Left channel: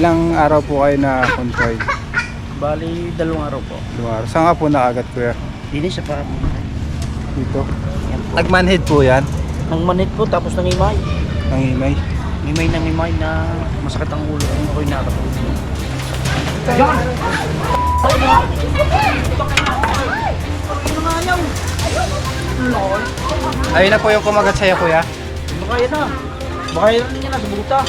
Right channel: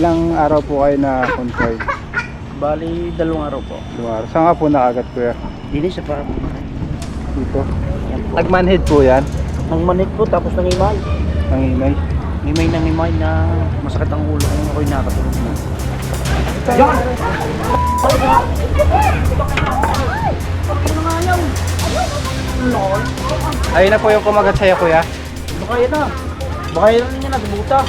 Ilang araw po kayo na confined? Bali, 2 araw po. 2 araw. Saan ka po nakagat, kuya? Hindi siya para po. Dito. Yan po. Nagmanhid po yan? Nang manit po, tapos nangimay. Nangimay? Ngimay na masakit ang ulo kung ako'y nakatulog mo. Yan! Ayun na po yung kumagat sa'yo, kuya. Baka yan na. Baka yan na niya na, subuta.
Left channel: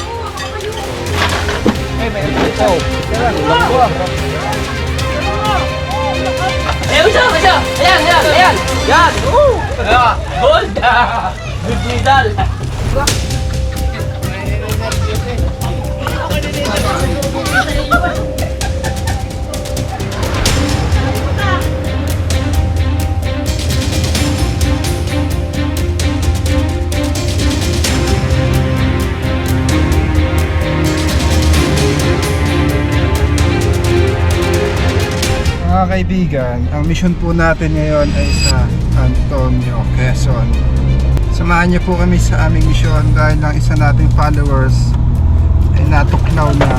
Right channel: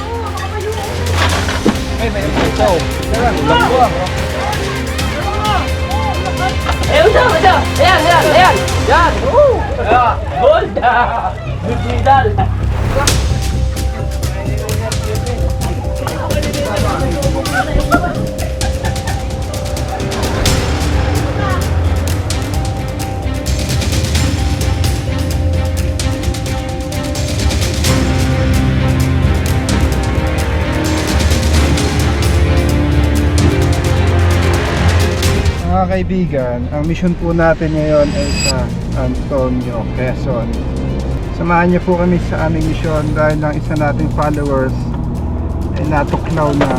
Ay, may ito. Ulang po. Ayan siya! Ayan! Yan! Gold! Good medal! Mga kaibigan, ang mission po natin ngayon ay sa Antonio, Quezon. Samahan niyo po kami sa aming mission dahil ang isa nating followers ay natuklaw na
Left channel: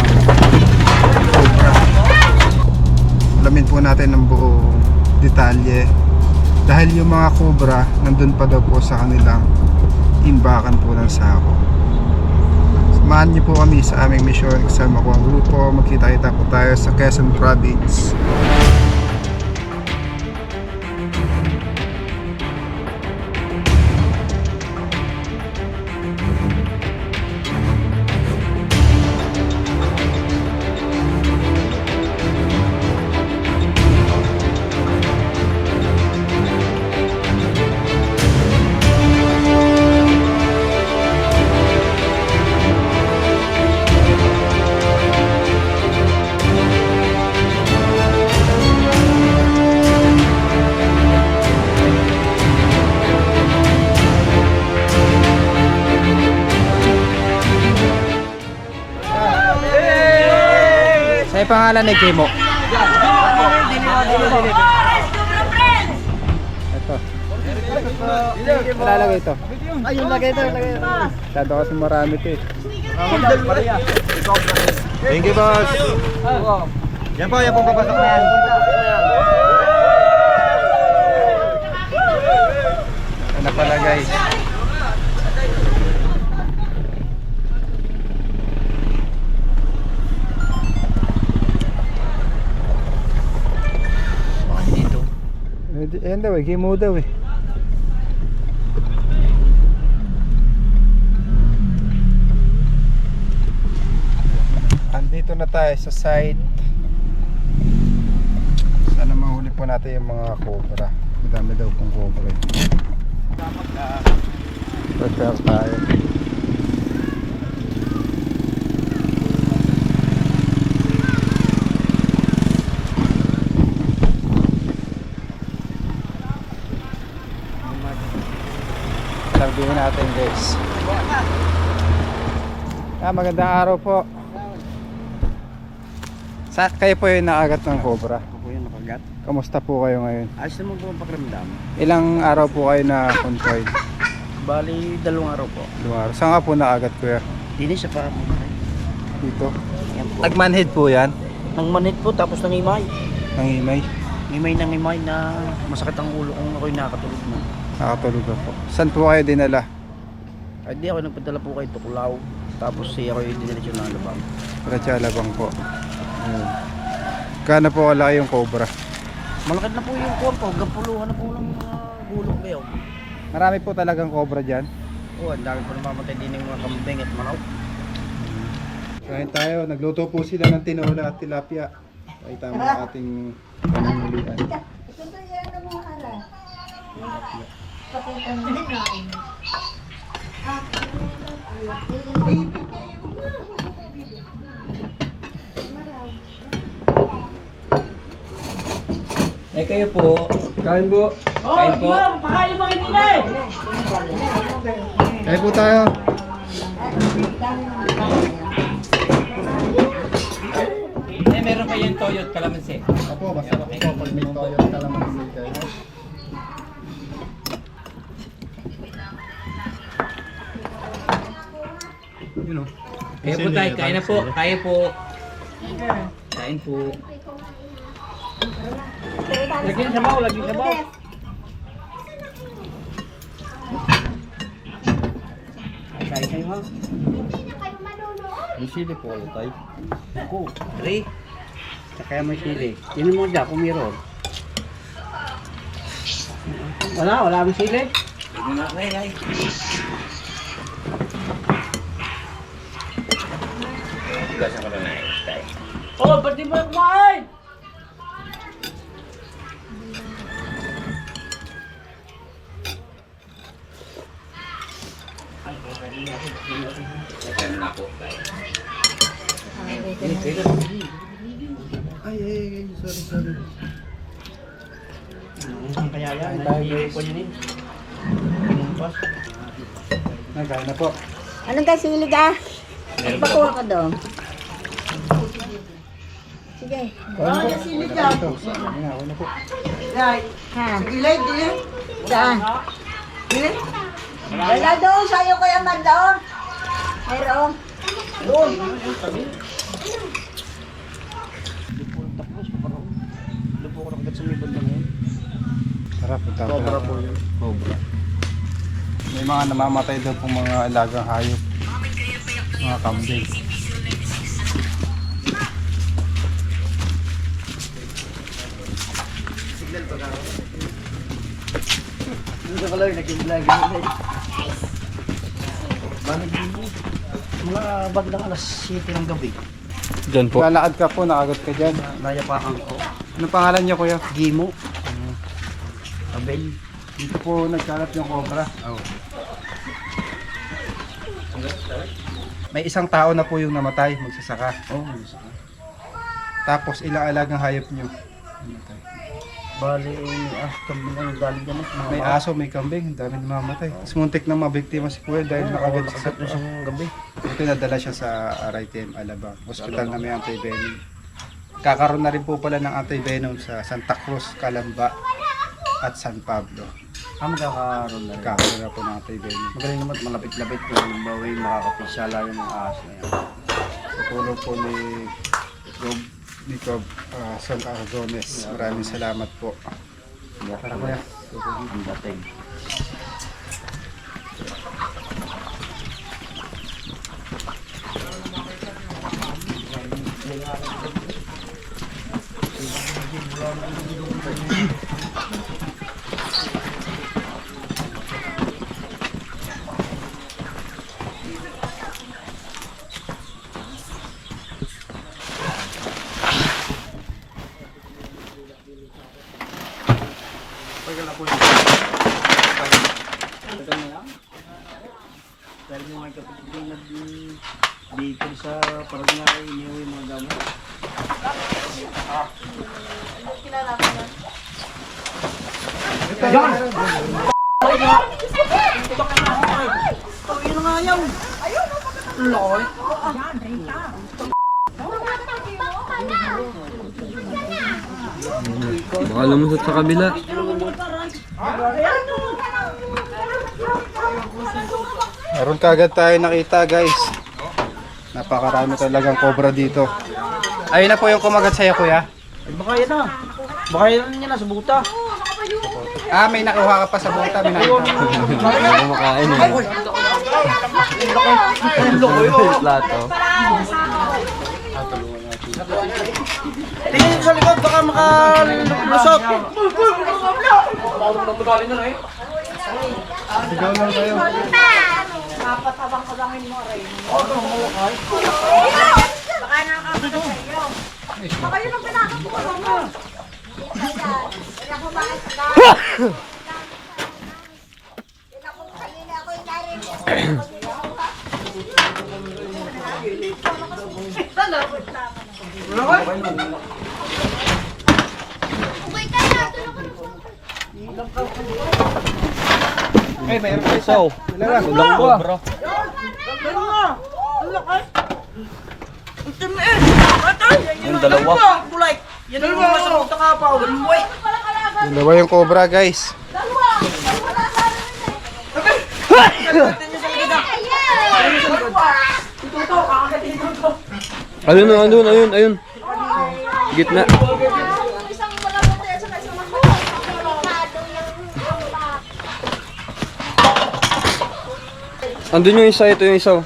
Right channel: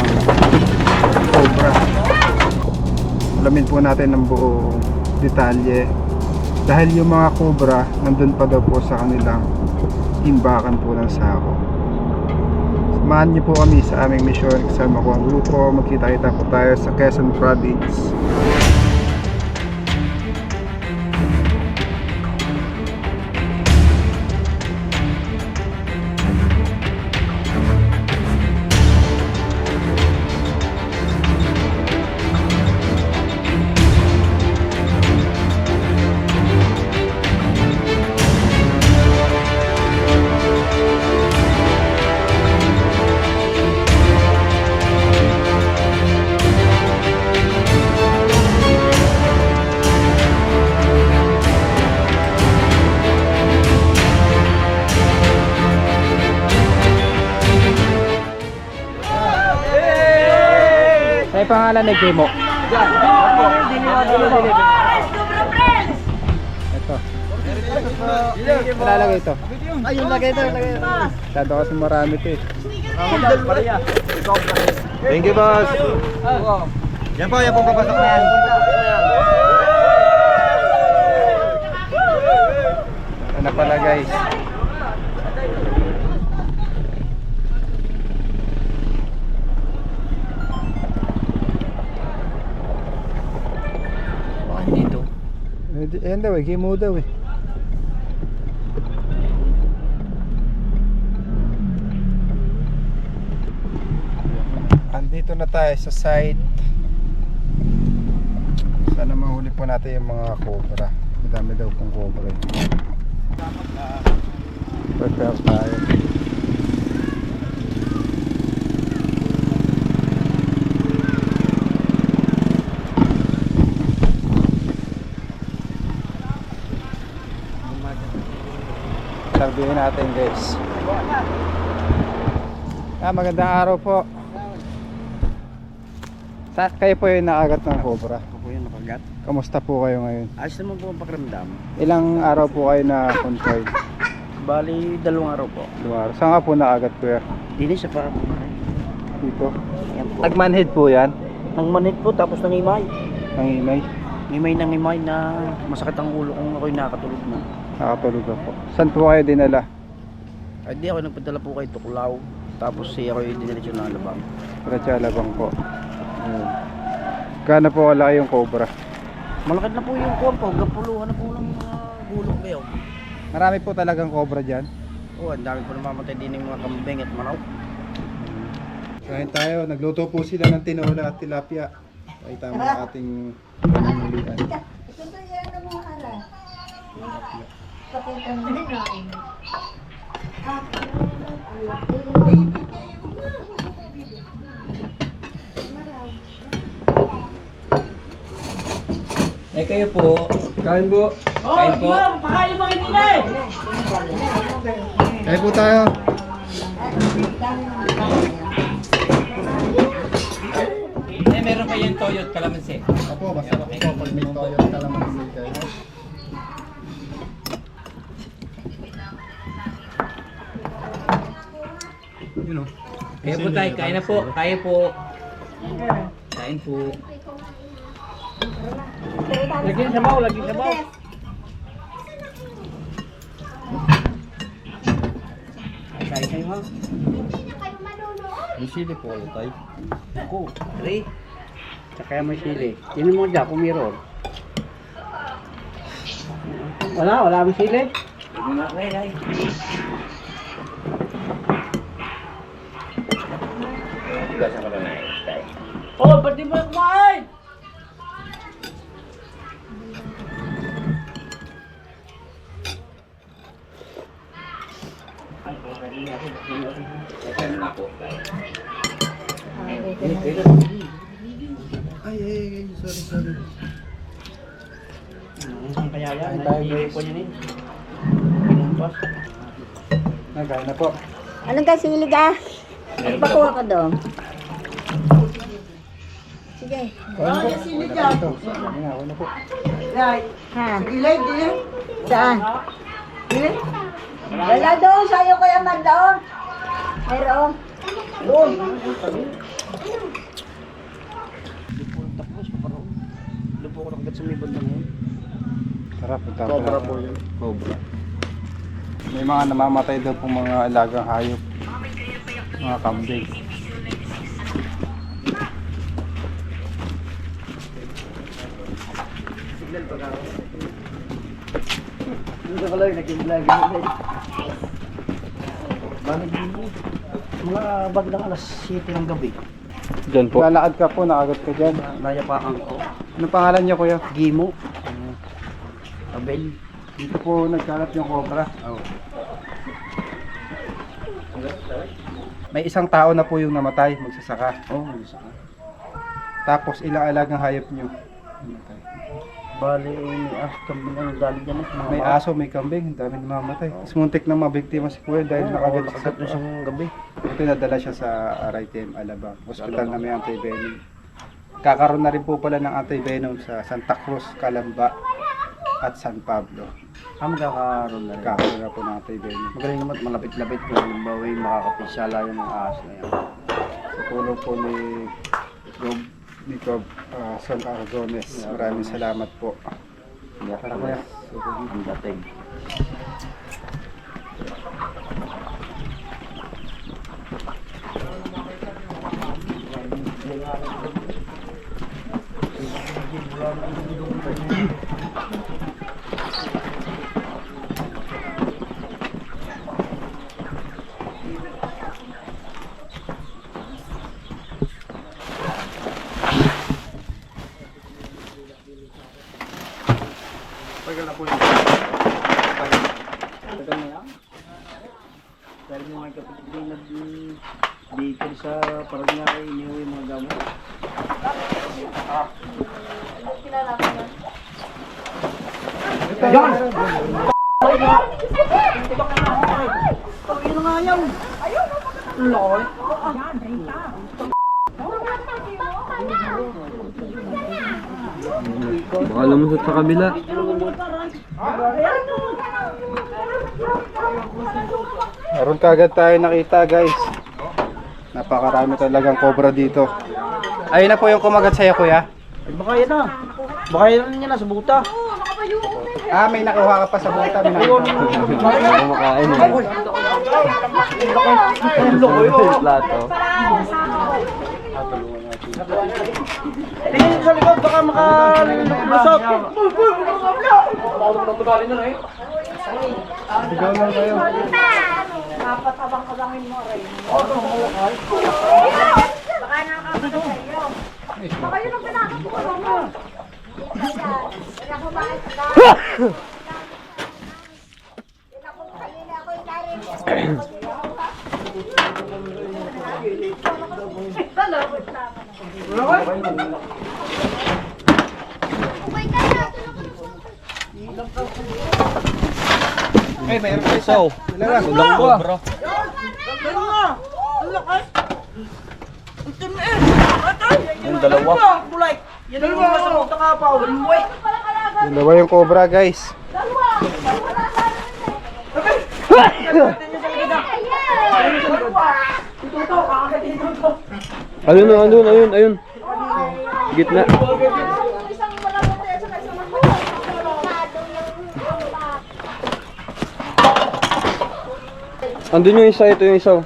cobra. Alamin po natin ang buong detalye dahil yung mga cobra nandun pa daw po sa kanilang imbakan po ng sako. Samahan niyo po kami sa aming mission. Kasama ko ang grupo. Magkita-kita po tayo sa Quezon Province. Ano pangalan ni Kimo? Ito. Ilalagay ito. Ay, yung lagay ito. Masyado kasi marami ito eh. Thank you, boss. Yan po papasok na yan. Ano pala guys? Ayan daw eh, Kimo daw eh. Andito na tayo sa site. Sana mahuli po natin yung mga cobra. Madami daw pong cobra eh. Prepare tayo. Sabihin natin guys. Magandang araw po. Kayo po yung nakagat ng cobra? Ako po yung nakagat. Kamusta po kayo ngayon? Ayos naman po ang pakiramdam. Ilang araw po kayo na confined? Bali, 2 araw po. 2 araw. Saan ka po nakagat, kuya? Hindi siya para po. Dito. Yan po. Nagmanhid po yan? Nang manit po, tapos nangimay. Nangimay? Ngimay na masakit ang ulo kung ako'y nakatulog na. Nakatulog ako. Saan po kayo dinala? Ay di ako nagpadala po kay Tuklaw. Tapos siya ako'y diniretso na Alabang. Ratsalabang po. Kano po kalaki yung cobra? Malakit na po yung kuwan po. Gapuluhan na po ng mga gulong kayo. Marami po talagang cobra dyan. Oo, ang dami po namamatay din ng mga kambing at manok. Kain tayo. Nagluto po sila ng tinola at tilapia. Ay tama ang ating pamumulian. Eh kayo po. Kain po. Kain po. Kain po tayo. Eh meron kayong toyot kalamansi. Opo, masarap po pag may toyo at kalamansi kayo. Kaya po tayo, kaya na po. Kaya po. Kain po. Lagyan sabaw, lagyan sabaw. Kain kayo ha. May sili po kayo tayo. Ako, 3. Tsaka may sili. Yun mo dyan kung meron. Wala may sili. Oh, ba't di mo kumain? Ay, sorry. Kaya yan, nahihili ko yun eh. Pinumpas. Nagkain na po. Anong kasilig ah? Pakuha ka doon. Sige. Kasilig ka. Ako na po. Ha? Ilay, din. Saan? Ilay? Wala doon. Sa'yo ko yaman doon. Mayroon. Doon. Tapos, parang lupo ko lang agad sa may banda ngayon. Tara, punta Cobra po yun. Cobra. May mga namamatay daw pong mga alagang hayop. Mga kambing. Hindi ko lang nag-vlog. Mga bagdang alas 7 ng gabi. Diyan po. Lalakad ka po, nakagat ka dyan. Nayapakan ko. Ano pangalan niya, kuya? Gimo. Abel. Dito po nagkalat yung cobra. Oh. May isang tao na po yung namatay, magsasaka. Oh, saka. Tapos ilang alagang hayop nyo? Namatay. Bali, may kami ang galing dyan. May aso, may kambing, ang dami namamatay. Tapos muntik na mabiktima si kuya dahil nakagat siya nakagat sa isang gabi. Ito nadala siya sa RITM Alabang, hospital na may anti-venom. Kakaroon na rin po pala ng anti-venom sa Santa Cruz, Calamba at San Pablo. Magkakaroon na rin. Kakaroon na po ng anti-venom. Magaling naman, malapit-lapit kung halimbawa yung makakapinsala yung mga ahas na yan. Sa tulong po ni Cobb Sol Argones. Maraming salamat po. Tara kuya. Ang dating. Dahil yung mga kapatid yung nag-dito sa parang nga iniuwi yung mga gamot. Baka lumusot sa kabila. Meron kagad tayo nakita guys. Napakarami talagang cobra dito. Ayun na po yung kumagat sa'yo kuya. Baka yan na. Baka yan niya na sa buta. Ah, may nakuha ka pa sa buta. May nakita. Kumakain eh. Plato. Tingin sa likod baka makalusot. Sigaw lang tayo. Ay, mayroon pa isa. Dalawa. Walang cobra. Yung dalawa. Yan ang mga sa buta ka pa. Dalawa yung cobra guys. Ayun. Gitna. Andun yung isa, ito yung isa.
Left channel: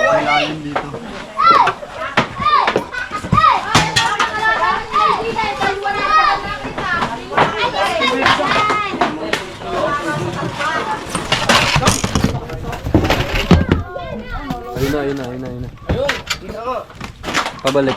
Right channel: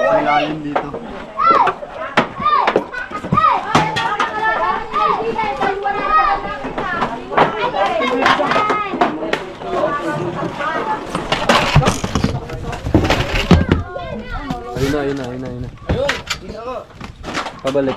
Malalim dito. Ayun na. Pabalik.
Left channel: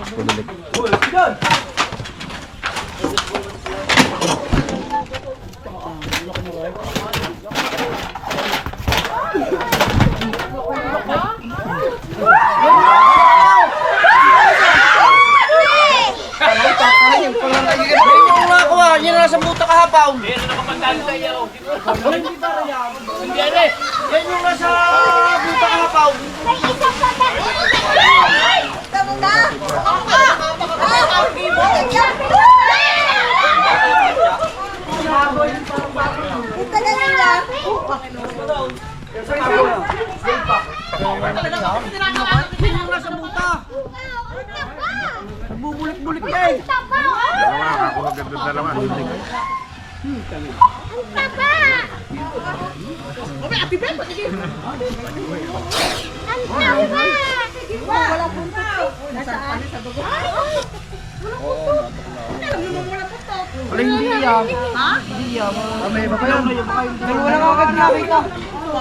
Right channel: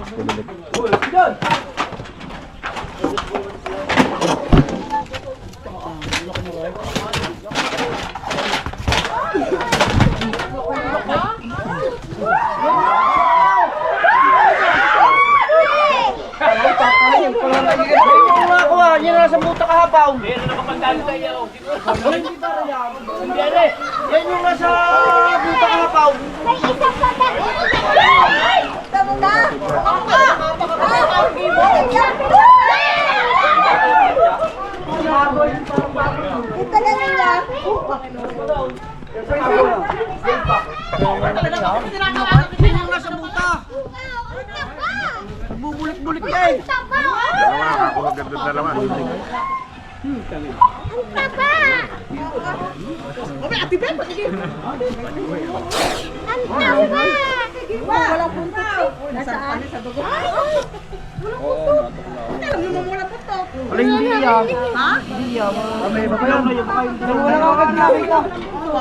Yan na sa buta kahapaw. Yan na nakapandalo tayo. Hindi para yan. Hindi yan. Yan yung nasa buta kahapaw. Yan yung nasa buta. Bubulik-bulik yan. Ako maganda dalawa.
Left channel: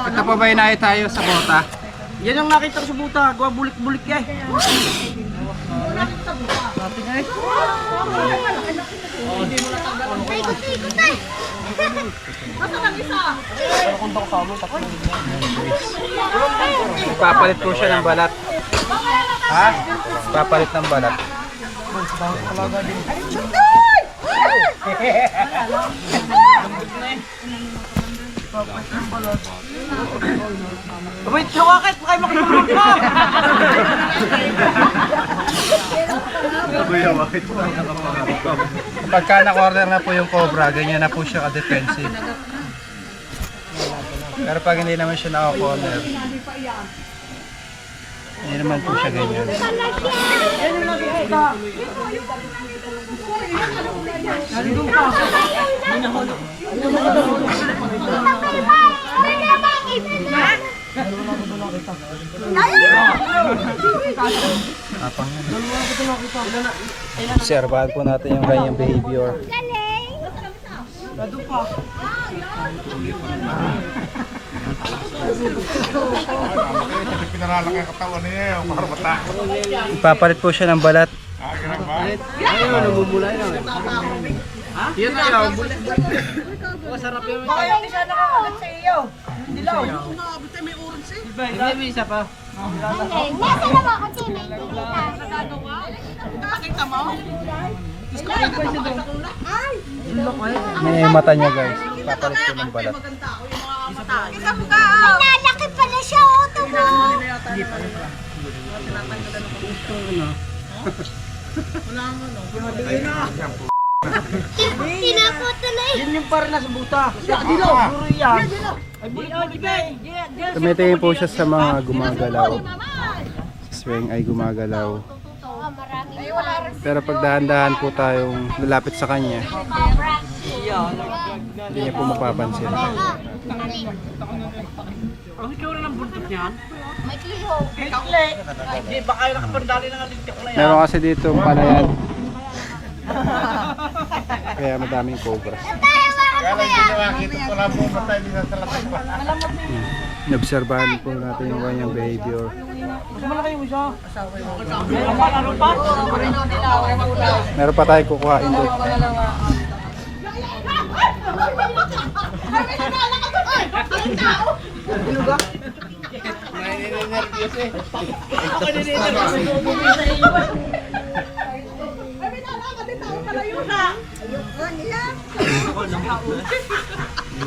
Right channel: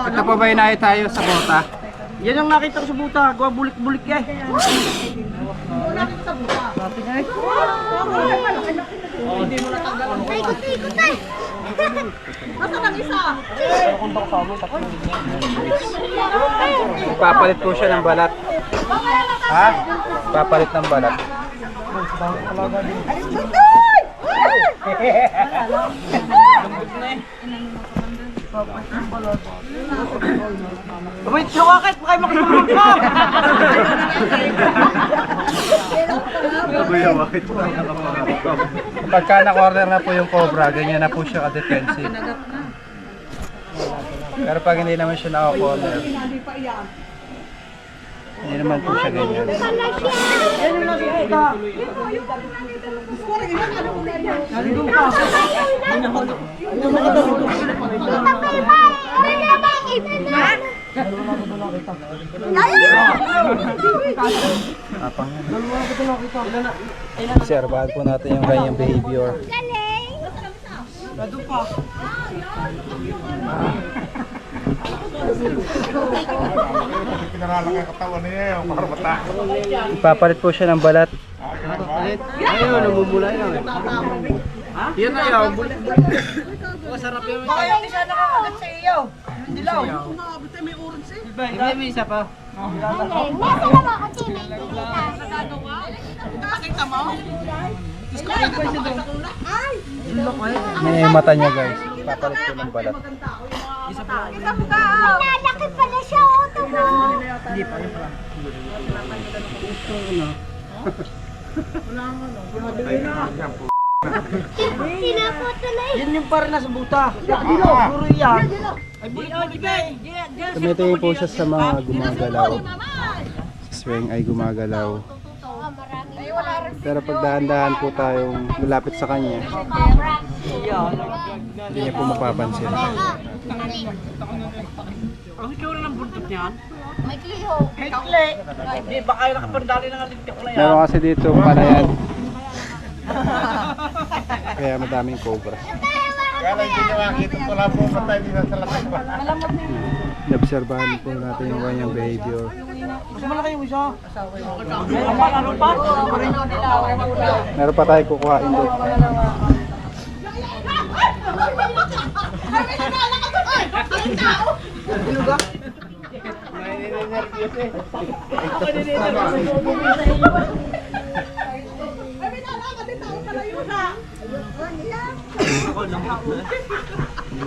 Ito pa ba inay tayo sa bota? Yan ang nakita ko sa buta. Gawa bulik-bulik eh. Papalit po siya ng balat. Ha? Papalit ng balat. Wait, sukakit! Baka makitulog ka! Pagka na-corner na po yung cobra, ganyan na po siya ka-defensive. Pero pag hindi naman siya naka-corner, hindi naman po siya ganyan. Obserbahan po natin yung kanyang behavior. Ipapalit po siya ng balat. Yan na yan. Masarap yun. Baka yung isa nakakagat sa iyo. Dilaw. May isa pa. Nasa naman ako, Tina. Nakakita mo? May mata niya guys. Ipapalit po ng balat. Nalaki pala siya, oh, tumo. Tinapoto na eh. Yan yung para nasa buta. Dilaw. Puro yan. Ay, bulik-bulik eh. Tumitingin po siya sa mga gumagalaw. Sa swing ay gumagalaw. Pero pag dahan-dahan po tayong lalapit sa kanya, hindi niya po mapapansin. Ang itsura ng buntot niyan? May kliho. Kakle. Hindi, baka yung nakapandali ng alintik na yan. Meron kasi dito palayan. Kaya madaming cobra. Inobserbahan po natin yung kanyang behavior. Mas malaki yung isa. Meron pa, ano pa? Meron pa tayo kukuhain doon.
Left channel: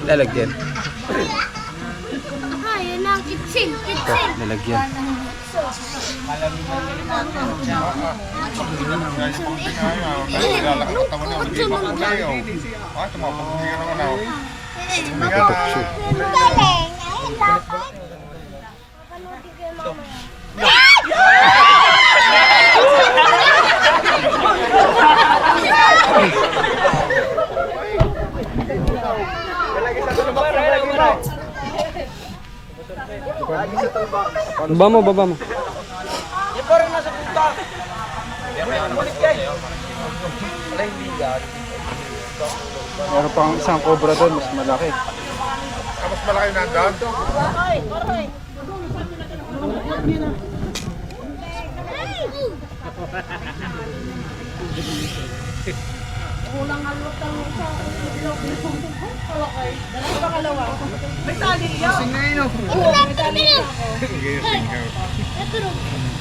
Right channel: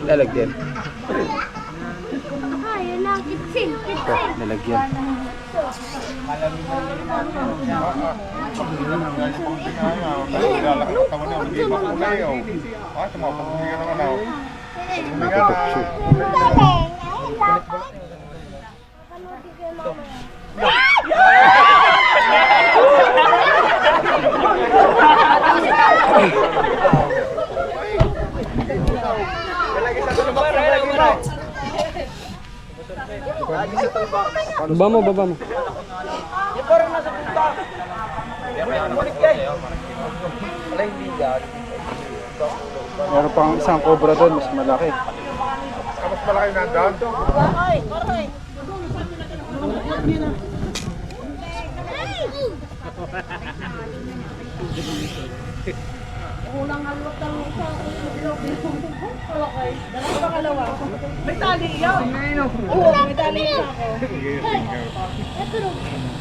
Lalagyan. Ayun na, kitsin. Lalagyan. Baba mo. Yung parang nasa punta. Balik kayo. Meron pang isang cobra doon, mas malaki. Mas malaki na doon?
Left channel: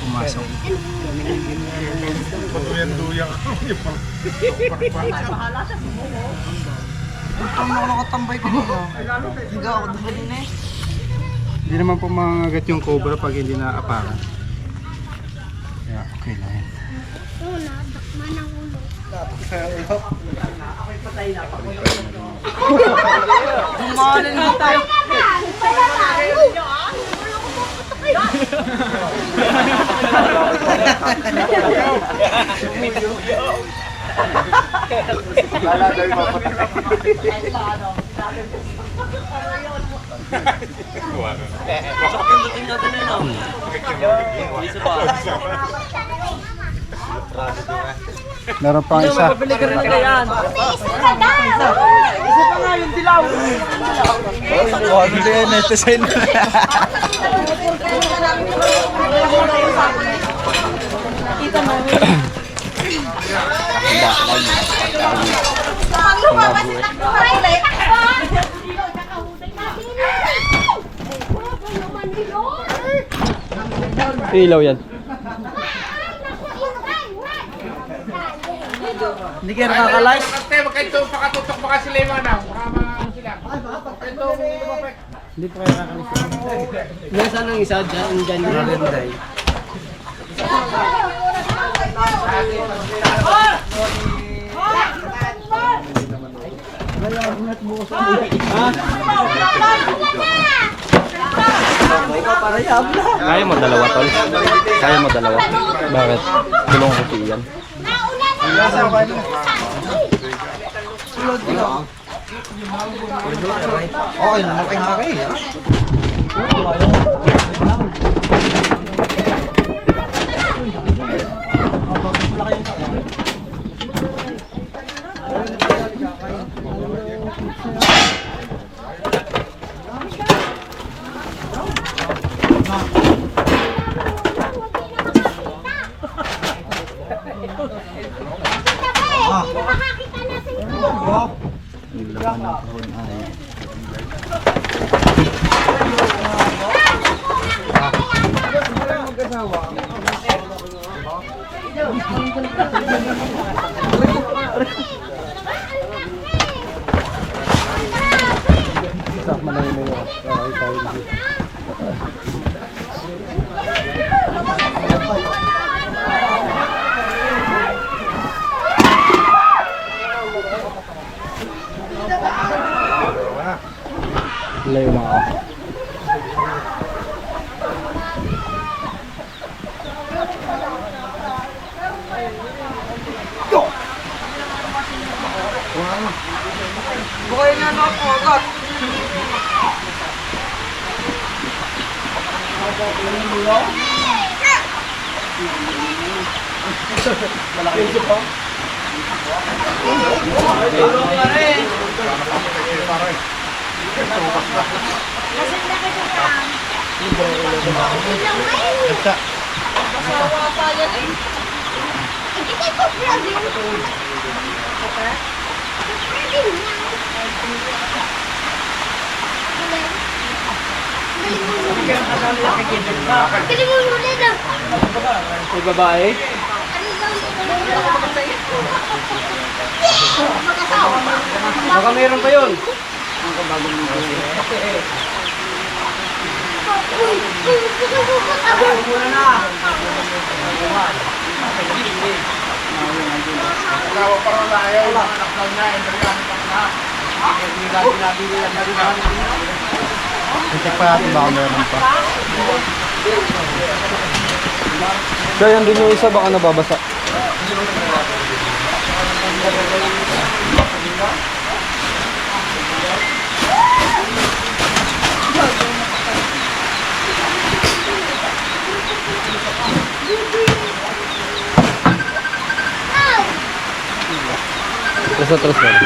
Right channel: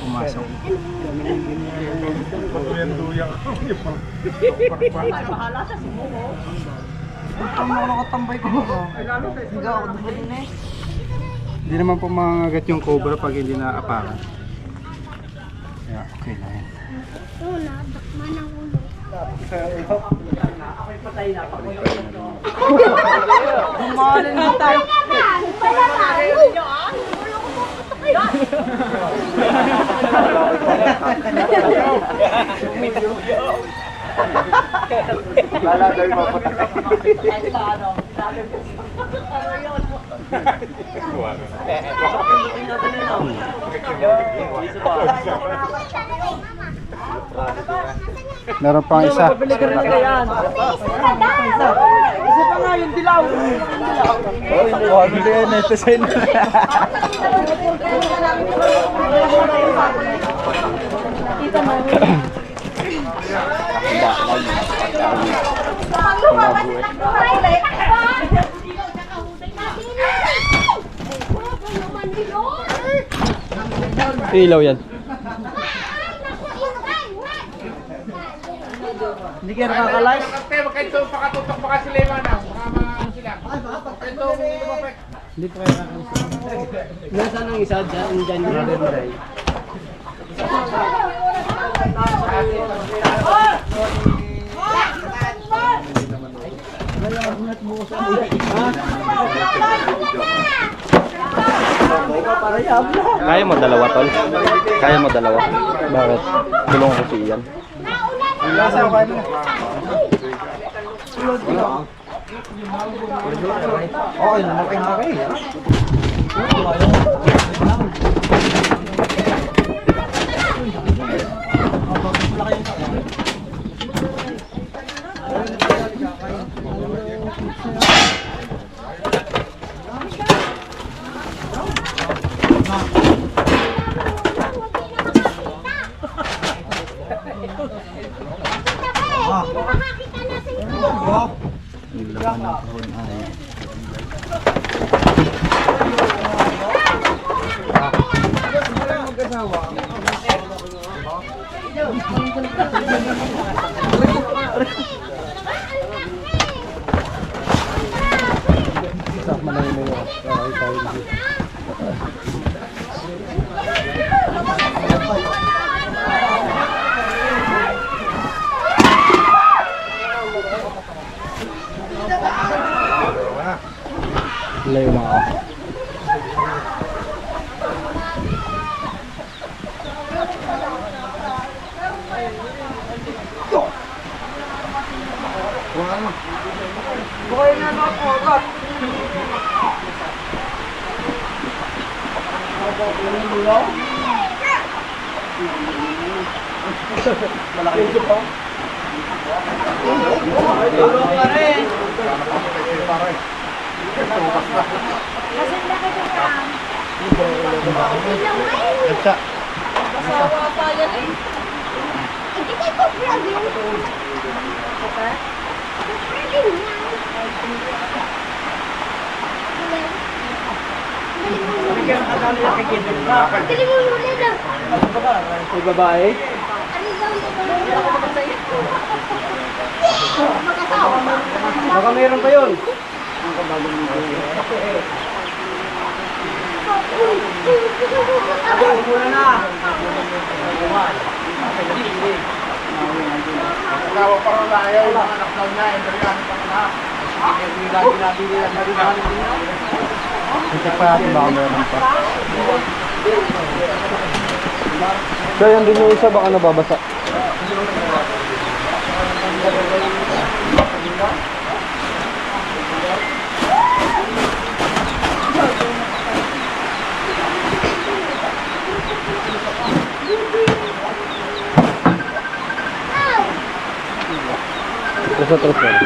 Pumasok. Hindi naman po mangagat yung cobra pag hindi naapakan. Kaya okay lang yan. Meron pang isa. Mabili ka rin kaya yan. Isa pa nga yung dilaw. Ilaw yan. Hindi kayo nakaka-like? Kasi magkaito pakatutok baka sila yung ano. Baka maano sila. Ito, lumapit. Hindi pa kayo nakaka-like. Nasaan ang isa dyan? Dyan yung day. Kaya mo dalawa, tol? Kaya mo dalawa? Bakit? Tulungan ko si Ian. Okay naman kayo nakakaya. Layo na ako. Bukay nga na po agad. Malaki ito pa. Tulong na rin. Kasawa pa yan eh. Ikitay ko vlog yun. Kali mo ulit ah. May babae? Baka meron pa yun. Muna na. Tawa parang ayaw. Anak daw niya. Ito yan. Check pa natin baka meron pa. So, yan din yung isa, baka nababasa. Terus lang.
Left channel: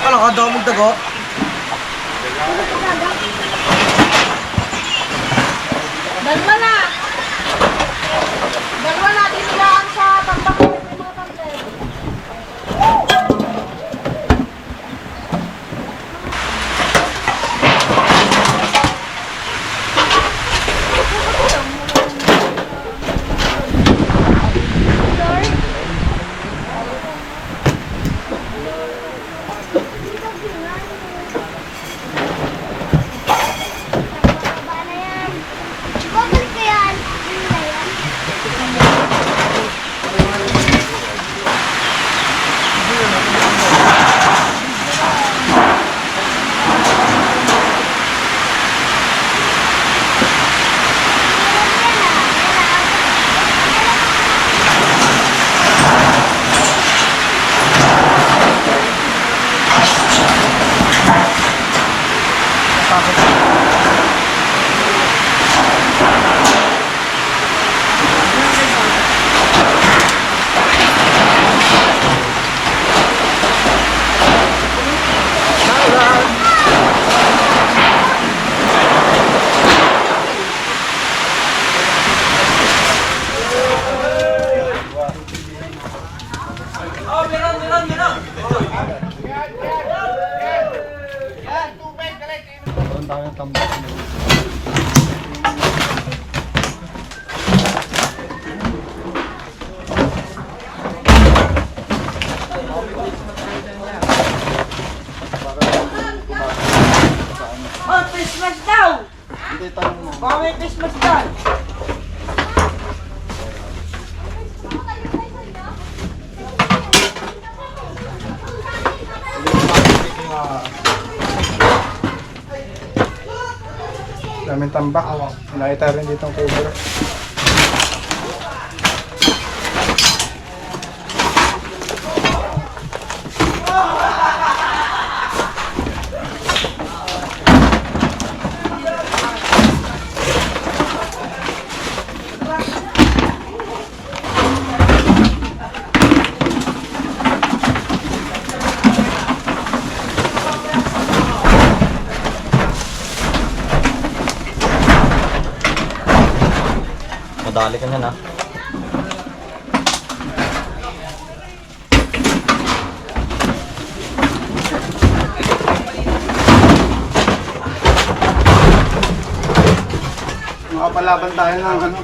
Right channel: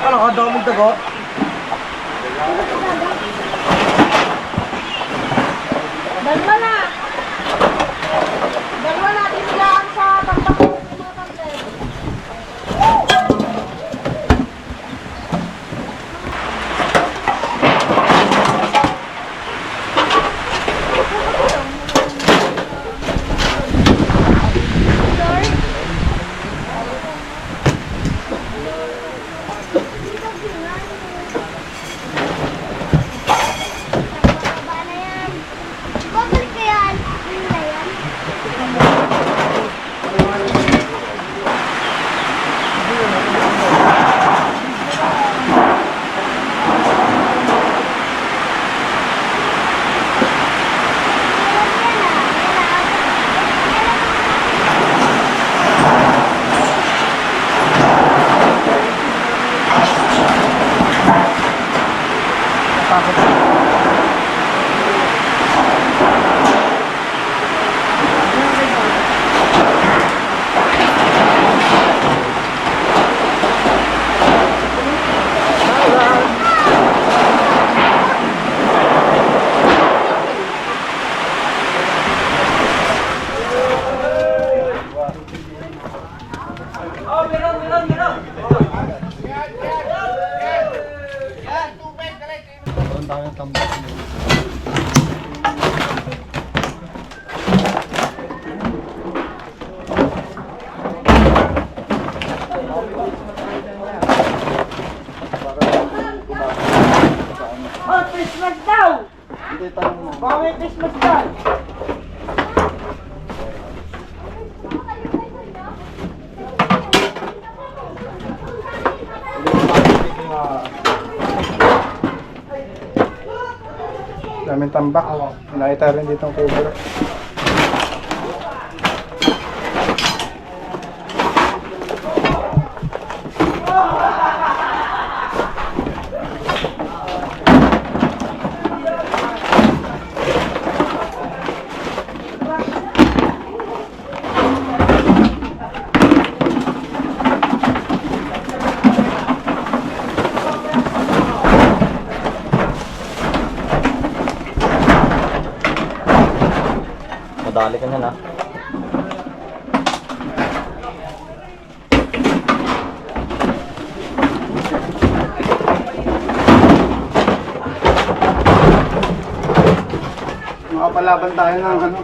Ano ka daw mong tago? Dalawa na! Dalawa na, tinilaan sa tambak ng mga tablet. Meron tayong tambak. Oh, Christmas daw! Baka may Christmas daw! Daming tambak. Nakita rin dito ang cover. Madali ka niyan, ha? Makapalaban tayo ng ano.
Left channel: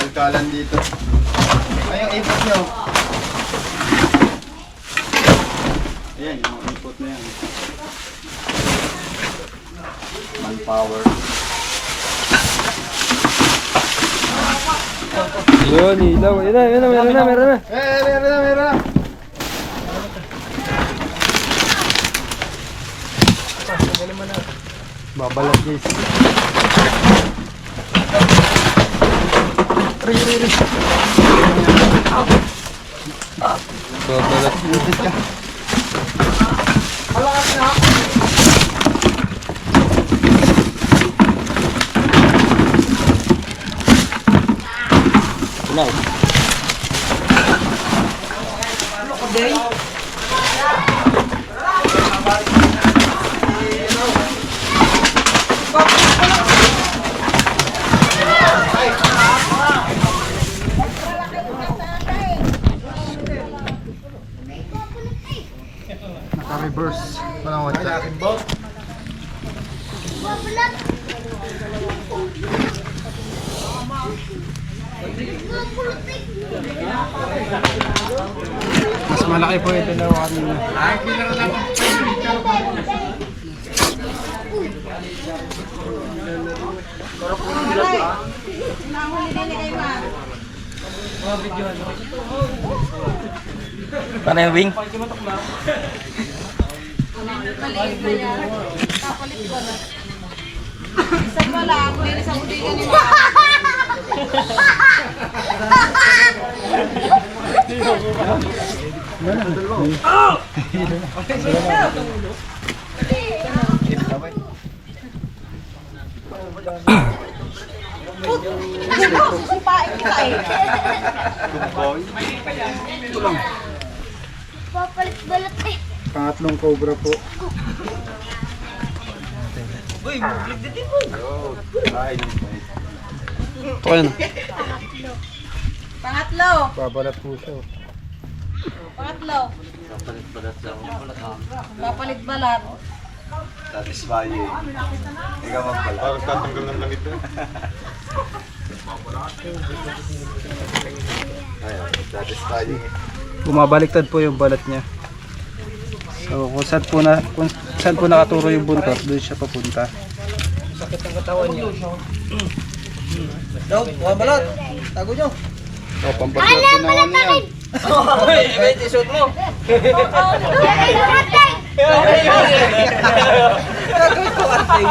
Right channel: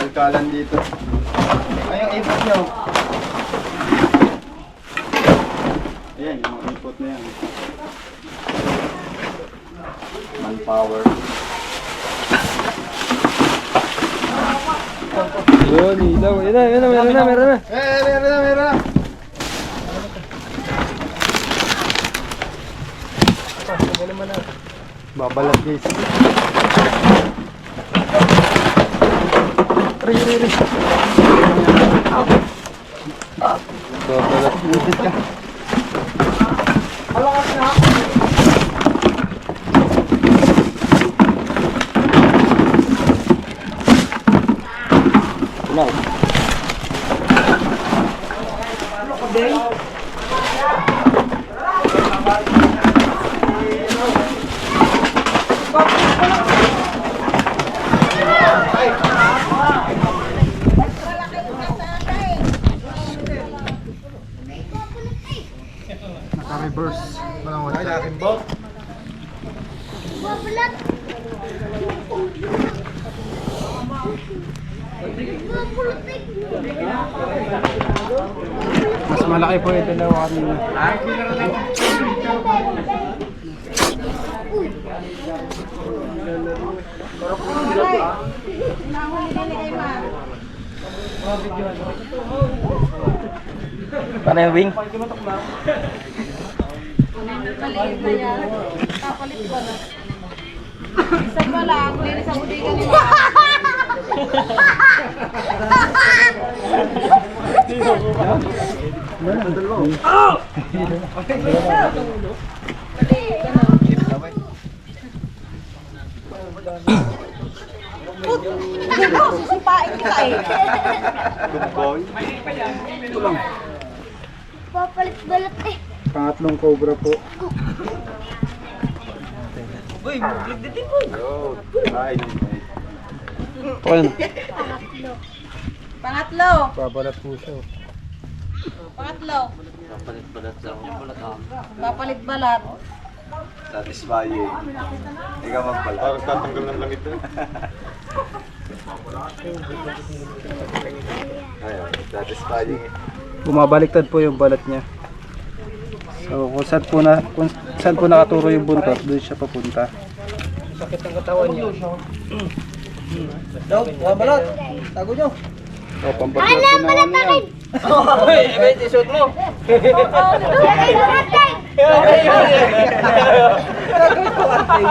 Kalkalan dito. Ay, yung ipot nyo. Ayan, yung mga ipot na yan. Manpower. Yun, ilaw. Yun na, meron na. Meron na. Babalat guys. Babalat. Butit ka. No. Naka-reverse. Walang watch. Mas malaki po ito na kanina. Paano yung wing? Maliit na yan. Kapalit ko na. Isa pa lang, linis ang budiga ni Susupain kita eh. Papalit-balat eh. Pangatlong cobra po. Ayun. Pangatlo. Babalat po siya. Pangatlo. Papalit-balat. Satisfying. Ikaw magpala. Parang tatanggal ng langit na. Ayun, satisfying. Bumabaliktad po yung balat niya. So kung saan po nakaturo yung buntot, doon siya papunta. Sakit ng katawan niya. Daw, balat. Tago nyo. O, pampaswerte na ano yan. May t-shirt mo. Gagawin ko kantay.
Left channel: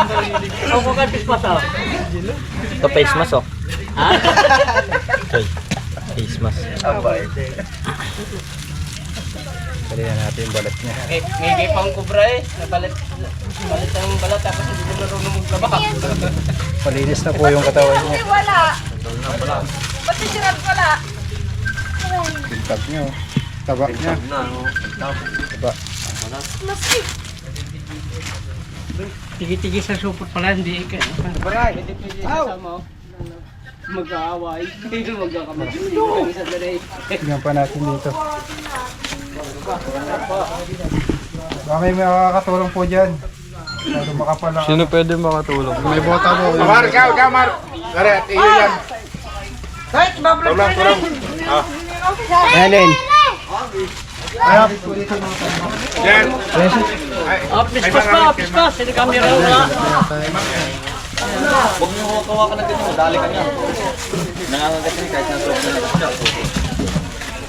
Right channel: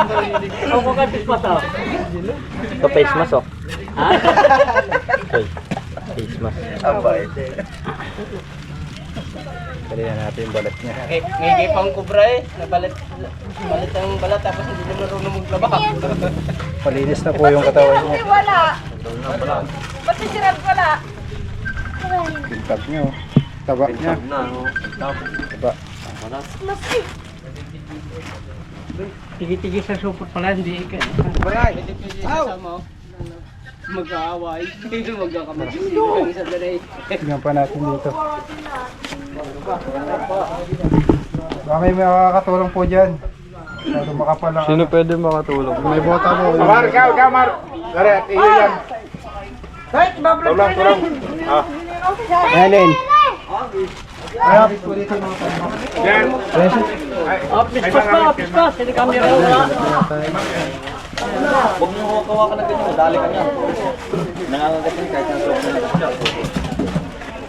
Ako kantis pa sa. Ito face mask oh. Okay. Face mask. Abay. Dali na natin yung balat niya. May pang kubra eh. Nabalit ang balat tapos hindi mo marunong maglaba. Palinis na po yung katawan niya. Wala. Ba't si Gerard wala? Pintab niya oh. Taba niya. Taba. Tigi-tigi sa supot pala, hindi ka. Baray! Hindi pwede sasama oh. Mag-aaway. Magkakamay. Isa na rin. Tingnan pa natin dito. Baka may makakatulong po dyan. Masyado makapal ang Sino pwede makatulong? may bota mo. Mar, ikaw, Mar. Gari, at iyo yan. Tulang. Helen. Ayap. Yan. Pispas. Hindi kami raw. Huwag niyo hawakan ng ganito, dali ka niya. Nangangagat niya kahit nasa na siya.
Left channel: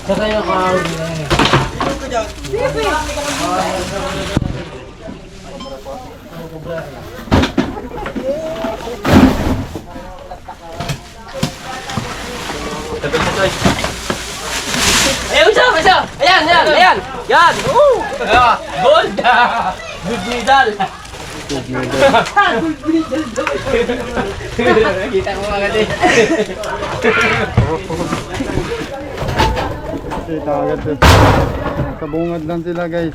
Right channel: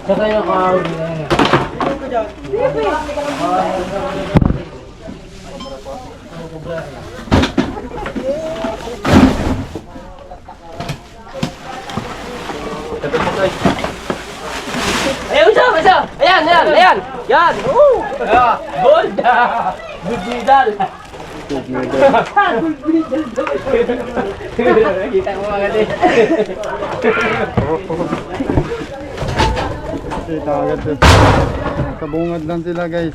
Sa tayo ka. Ayan, isa! Ayan! Yan! Gold! Good medal! Kita ko agad eh. Kita agad eh. Kabungad lang sila guys.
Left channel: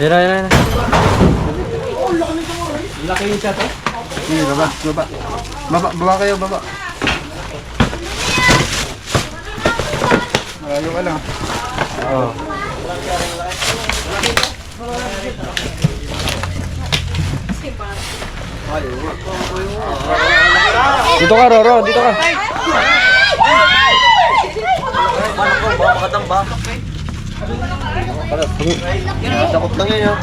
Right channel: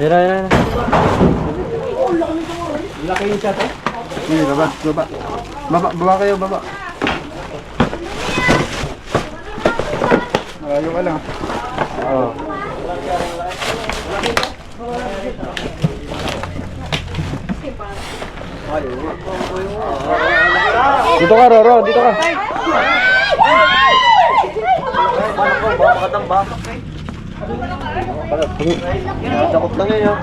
Yan. Laki yung chat eh. Sige, baba kayo, baba. Malayo ka lang. Oo. Dito ka, Roro, dito ka. Paano ko, baka makatamba. Sakot lang yun yun.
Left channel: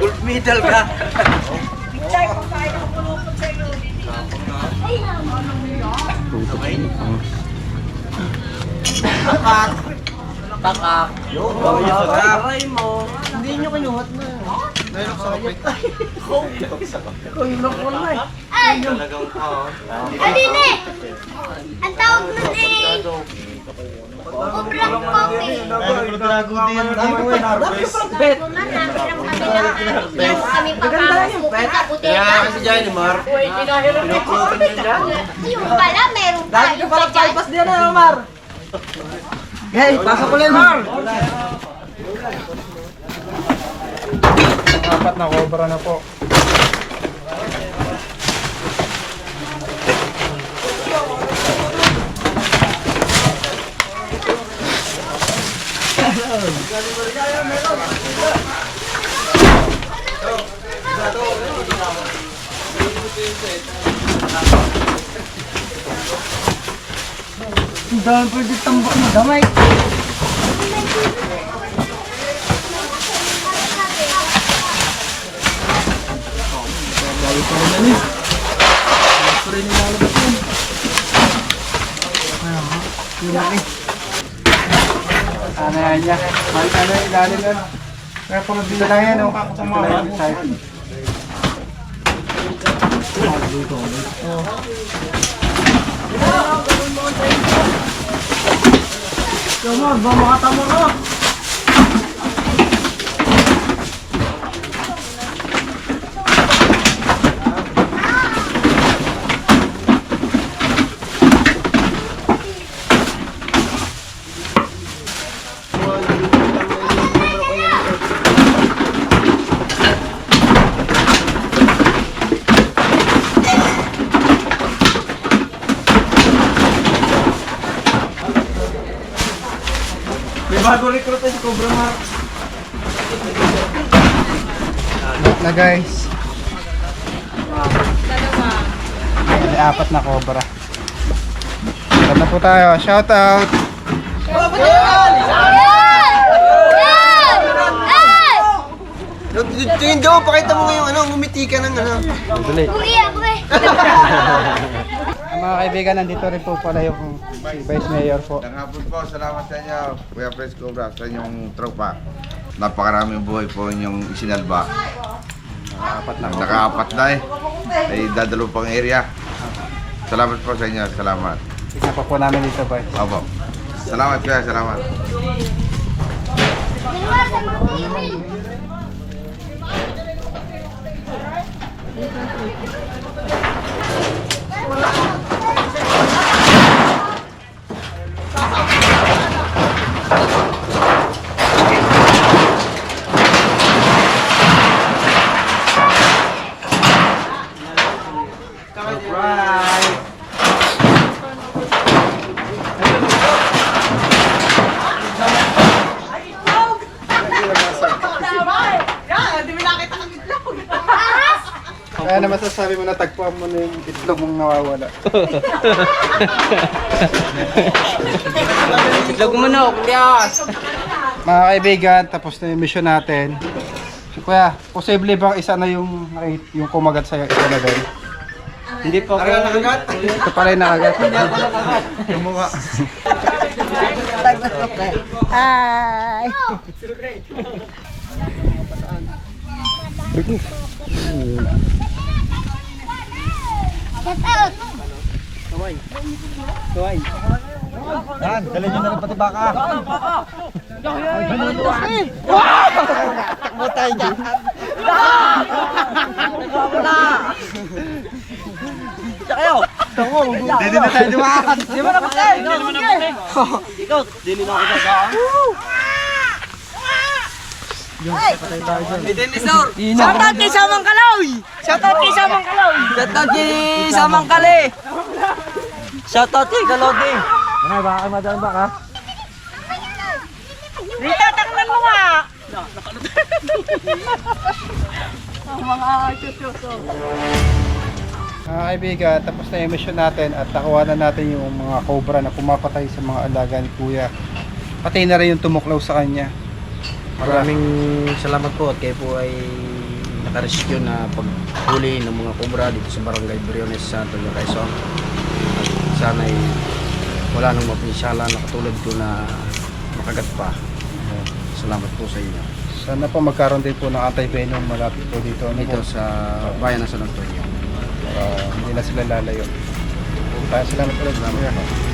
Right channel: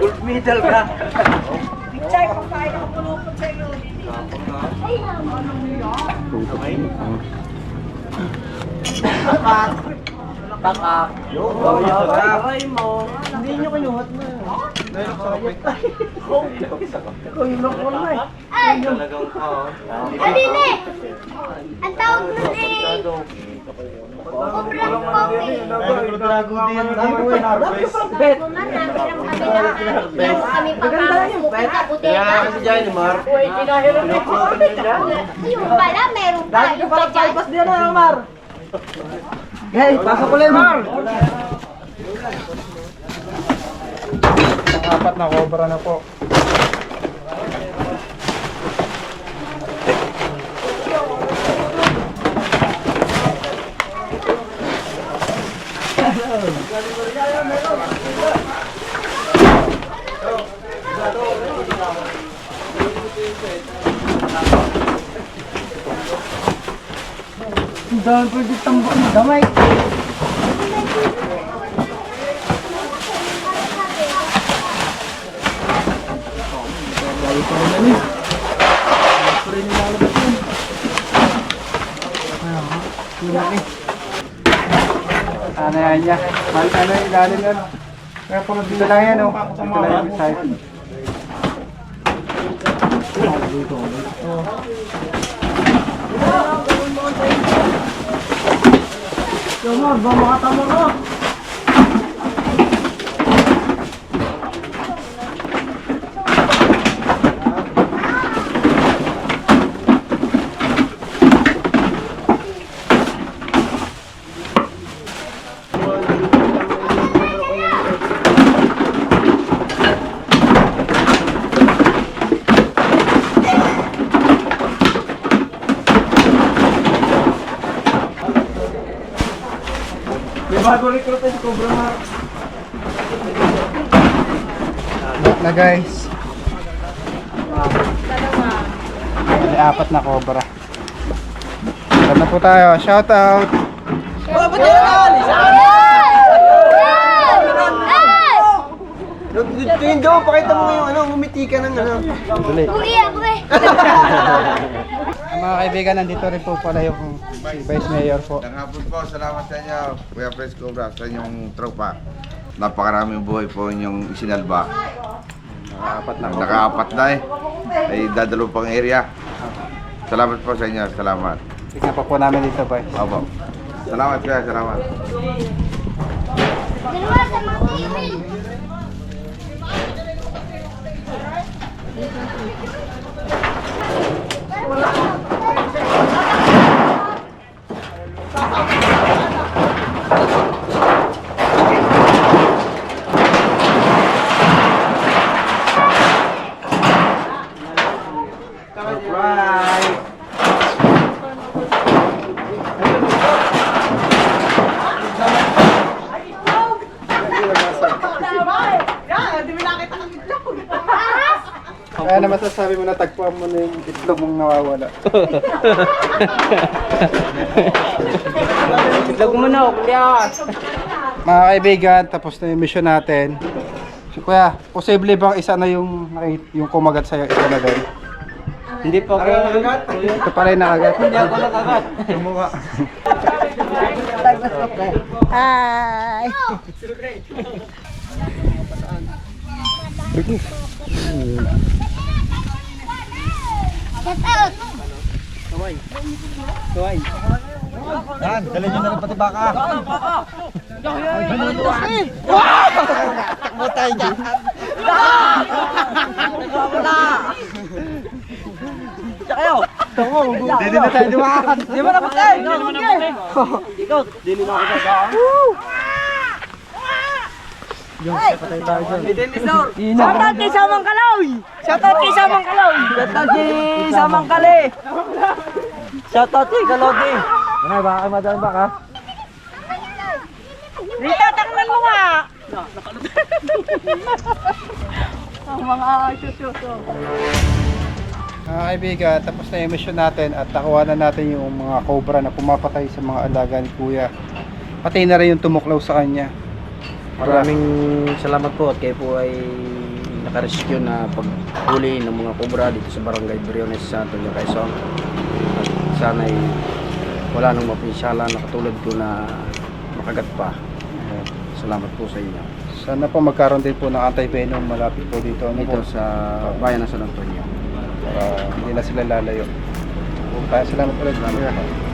Gold medal ka. Takak. Aray mo. Hindi nyo kinuhat na. Talagang Adine! Ang tawag nun eh. Sobrang coffee. Lang kami pagkakasukin sa buteka. Si Johnny Mar. Yung pala, meron pa. Yung pa dyan. Diyan na, Mar. Hey, pasok ko lang, Mar. Ang apat na cobra na po. Dahil pwede tambak ng damay. Ano yan niya? Ano yung ilalim yan? Kaya pala dito lang yan, oh. Dito lang yung side. Na guys. May 4 na cobra. Saan na po tayo? Shout out! Tingin daw, pakita mo ngayon, ngumiti ka ng Mga kaibigan, nandito rin po pala yung si Vice Mayor po. Hapon po, salamat sa inyo, Kuya Pres Cobra, sa inyong tropa. Napakaraming buhay po inyong isinalba. Naka-4 na eh. Ay dadalo pang area. Salamat po sa inyo, salamat. Tignan pa po namin dito, Vice. Opo. Salamat kuya, salamat. Kaya na masasabi mo na tagpuan mo na yung itlog mong nawawala. Itlog mo na, kuya. Mga kaibigan, tapos na yung mission natin. So, kuya, posible bang isa na yung kumagat sa'yo, isa na din? Hindi pa ako nakagat. Ito pala yung nakagat. Hindi ako nakagat. Hi! Get out! Yan, dali nyo na rin pati baka. Takbo tayo dyan. Hindi na tayo dumaan. Di ba napatay? Di naman napatay. Ikaw, dili na ako nagagaan. Shoutout kay Samang Kaloy! Shoutout kay Samang Kaloy! Shoutout kay Samang Kali. Shoutout kay Kalodi. Ano, baka kayo madalang baka? Rita, taknan mo nga! Ang mga chuchuso. Mga kaibigan, tapos na yung mission natin at nakuha na natin yung mga cobra na pumapatay sa mga alaga ni Kuya. Pati na rin yung tumuklaw sa kanya. Maraming salamat po at kayo po ay nakarescue na paghuli ng mga cobra dito sa Barangay Briones, San Antonio, Quezon. At sana ay wala nang mapinsala na katulad ko na makagat pa. Salamat po sa inyo. Sana po magkaroon din po ng anti-venom malapit po dito. Ano Dito po? sa bayan ng San Antonio. Para hindi na sila lalayo. Salamat ulit. Salamat po.